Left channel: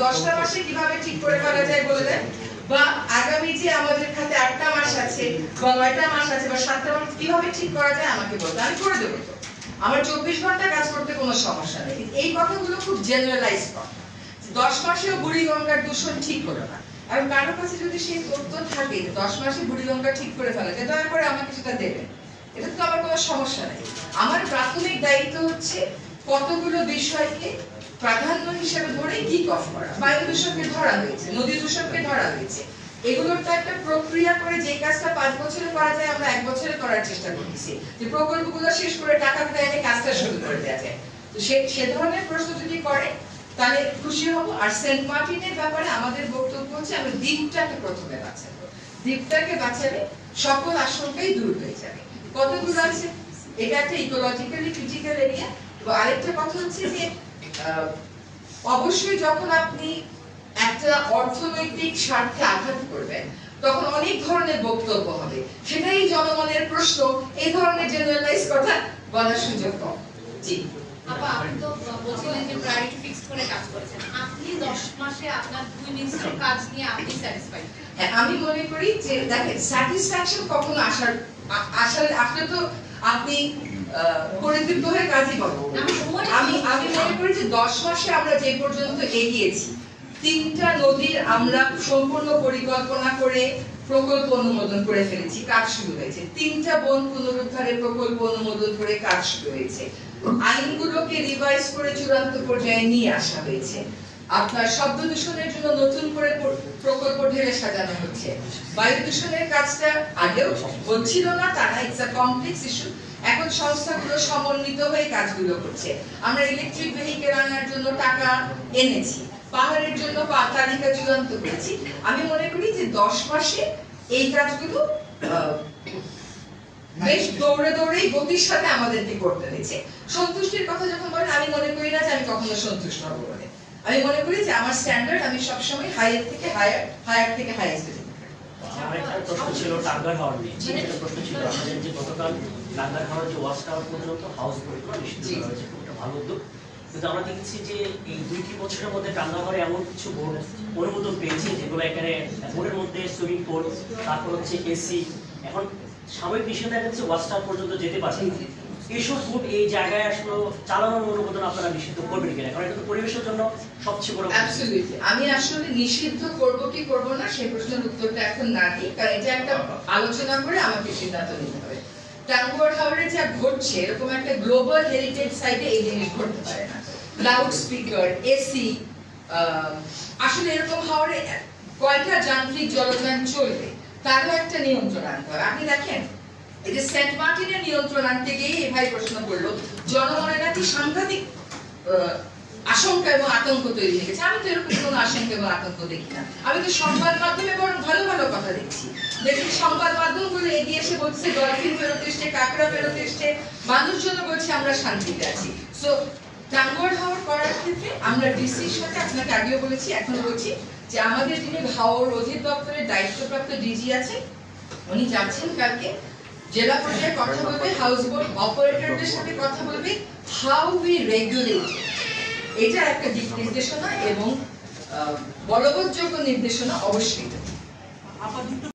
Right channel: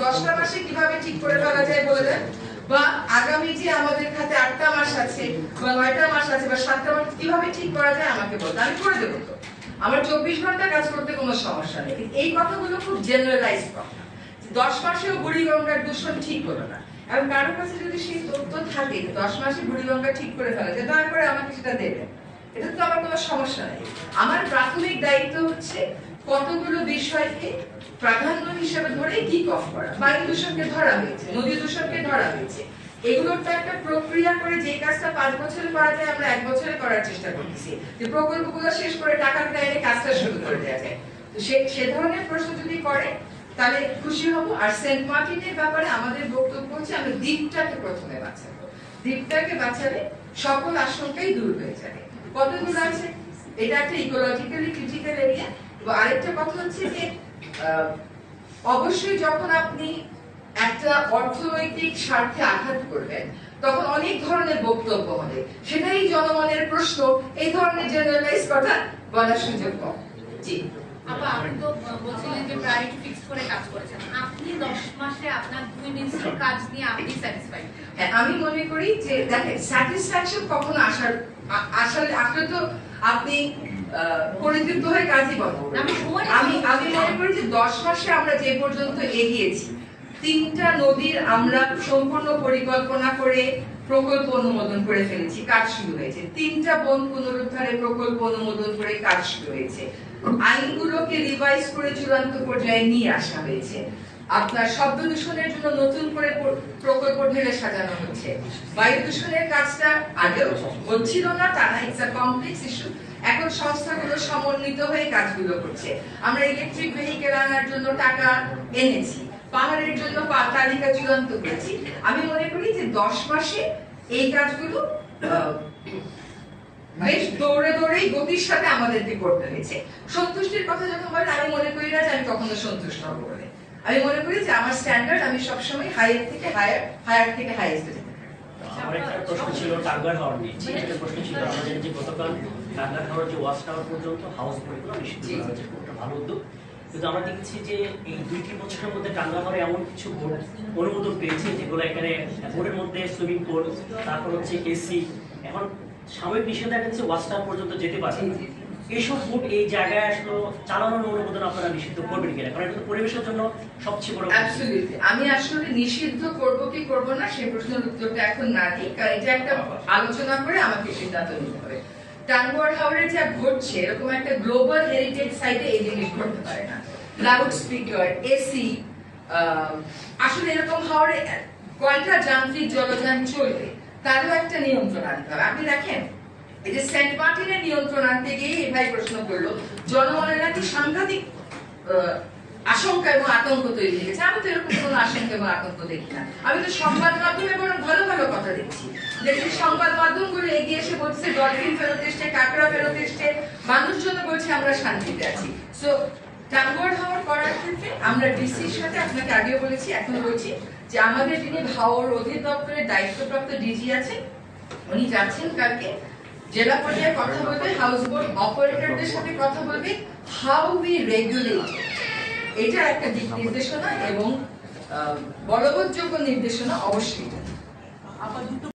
10টা মাসে কিভাবে ঠিক করে ফেলা যায় বলে দেন, বা আগামী যে আমাদের খাতে 8টা মাস আছে বা 9টা মাস আছে বা 7টা মাস কিভাবে ঠিক করা যায় আমাকে বলতে, আমি করে দেবো। তো আমার 24 ঘন্টা কাজ করতে কোনো সমস্যা নেই। এই কথাগুলো খুব জেনারেলাইজ কথা। 10 মাসেও বুড়িগঙ্গার দূষণ ঠিক হলো না, আর কারোর কাছে যদি সেই তথ্য থাকে 10 মাসে বুড়িগঙ্গা ঠিক করে ফেলা যায়, দয়া করে আমাকে সেটা দেবেন। এটা তো আমার কোনো সমস্যা নেই। আমার প্রাথমিক দায়িত্ব হচ্ছে কতগুলো বিষয়কে প্রাধান্য হিসেবে ধরে কিক অফ করা। বায়ু দূষণকে ধরা হয়েছে, নদী দূষণকে ধরা হয়েছে, এগুলোর তো একটা প্রক্রিয়া করে যে কাজটা 5 বছরে করা যায় আমরা 1 বছরে করার চেষ্টা করতেছি, যে প্রকল্পগুলো শেষ করে টাকা দিয়ে কাজটা শুরু করে দেওয়া যায়। তো সে ধরনের প্রশ্ন যদি করে তাহলে খুশি হব। আর সেন্ট মার্টিনের ব্যাপারে আমাদের বক্তব্য হচ্ছে আমি দ্বীপটাকে প্রথমে বাঁচাবো। দ্বীপটাকে বাঁচালে সকল আশঙ্কাই দূর হয়ে যাবে। কতগুলো আছে, এটা একটা ইকোলজিক্যালি ক্রিটিক্যাল এরিয়া। এবং আরেকটা কথা হচ্ছে যে অবশ্যই যখন আপনি একটা অর্থনৈতিক স্বার্থে আঘাত করবেন তখন অনেক ধরনের বক্তব্য হবে, সেটাই জনগণের প্রশ্ন, এই ধরনের জেনারেলাইজ কথা বলার সুযোগ কম। জি আপা, আপনি তো বলছিলেন যে প্রায়োরিটি ফিক্স করে কাজ করেছেন, আপনি 10 মাসে আপনার 2 মিনিস্ট্রির কাজ নিয়ে আপনি স্যাটিসফাইড? হ্যাঁ, আমি মনে করি যে দেখেন স্যাটিসফ্যাকশন কখনো আসলে তো আপনি পরিতৃপ্ত হয়ে কাজই বলেন। আমি মনে করি যে 10 মাসে আমরা যে পর্যন্ত এগিয়েছি, 3টা নদীর আমরা সম্পূর্ণ পরিকল্পনা করে প্রকল্প অনুমোদন করে ফেলেছি, কাজ শুরু হয়েছে। 3টা বন পুনরুদ্ধারের প্রকল্প অনুমোদন করে কাজ শুরু হয়েছে। আইনগুলোকে রিভাইজ করে চূড়ান্ত পর্যায়ে নিয়ে আসা হয়েছে। আপনার শব্দ দূষণের জন্য নতুন করে প্রকল্প ঢেলে সাজানো হচ্ছে। বায়ু দূষণের কাজটা আগেও হচ্ছিল না তা না, ইটস আ কমপ্লেক্স ইস্যু। এখন সংস্থাগুলো সমন্বিত হয়ে কাজগুলো করছে। আমরা ইলেকট্রিক ভেহিকেল আনার জন্য টাকা এনেছি, পাহাড়ের জন্য তালিকা চূড়ান্ত করেছি। আমি মনে করি যে 10 মাসে এই কাজগুলো বেশ দৌড়ে দৌড়েই গতির সাথে আমাদেরকে করতে হয়েছে। সন্তুষ্টির কথা যখন বলেন, আমি মনে করি না যে আমি কখনো সন্তুষ্ট হব বলে। আমি মনে করি যে আমার স্ট্যান্ডার্ড আমি সবসময় হায়ার থেকে হায়ার থেকে হাইয়েস্টে যেতে পারি। আমার একটা প্রশ্ন ছিল টাঙ্গার হাওর নিয়ে। একটা প্রশ্ন ছিল আমাদের যে গতকাল টাঙ্গার হাওর যে ওয়াচ টাওয়ার পর্যন্ত হাউস বোট করা নিষিদ্ধ করা হয়েছে, একটা ভালো উদ্যোগ। কিন্তু আমরা দেখছি যে এই 2টি বছরের মধ্যে টাঙ্গার হাওরে এমন কিছু বোট অনুমোদন পেয়েছে যেগুলো এখানে বোটের মধ্যে সুইমিং পুল, তারপর হচ্ছে এসি, এখন সাময়িক নিষেধাজ্ঞা হচ্ছে ওয়াচ টাওয়ার পর্যন্ত যেতে পারছে। এইসব বোট এই জায়গায় আসলে চালানোর অনুমোদন আপনারা নিষিদ্ধ করবেন কিনা? কারণ এটা পরিবেশের জন্য সবচেয়ে বড়। অ্যাবসলিউটলি, আমি আসলে নিষিদ্ধ করব কি করব না সেই প্রশ্নের উত্তরটা এখন না দিই, কারণ এটা একটা আলোচনা করে আমাকে সিদ্ধান্ত নিতে হবে। টাঙ্গুয়ার হাওরে যা ঘটছে এরকম একটা গ্লোবাল হেরিটেজ সাইটে এই জিনিস ঘটতে পারে না। লাউড স্পিকার, এসি, আসলে এরকম হাওরে কয়টা যান্ত্রিক জলযান চলবে তারও একটা নিয়ন্ত্রণ আনতে হবে। আপনি দেখেন এই যে সেন্ট মার্টিনের নিয়ন্ত্রণ আনতে গিয়ে এই ভাই প্রশ্ন করলো জনগণের নাকি সাংঘাতিক আশঙ্কা এবং আতঙ্ক তৈরি হয়ে গেছে। আমি তো এরকম কোনো আশঙ্কা এবং আতঙ্ক দেখি না। আমি তো সংবাদ মাধ্যমে বরং ভালো ভালো কথা দেখছি। দেখছি সংবাদ মাধ্যমগুলো এগিয়ে এসে বলছে ডলফিন ফেরত এসছে, কাঁকড়া ফেরত এসছে, মানুষজন বলছে আমরা শান্তিতে আছি। সো টাঙ্গুয়ার হাওর করার ক্ষেত্রে আমরা ডিসির সাথে, আপনাকে আগেও বলেছি এখনো বলছি, যে আমাদের যিনি হাওর অধিদপ্তরের দায়িত্বপ্রাপ্ত ডিজি আছে উনি যাচ্ছেন কালকে জেলা পর্যায়ে কথা বলবে, হাউস বোট অপারেটরদের সাথে কথা বলবে, হাউ উই রেগুলেট। এটা একটা দিক নির্দেশনা এবং বলবৎযোগ্য নির্দেশনা অবশ্যই।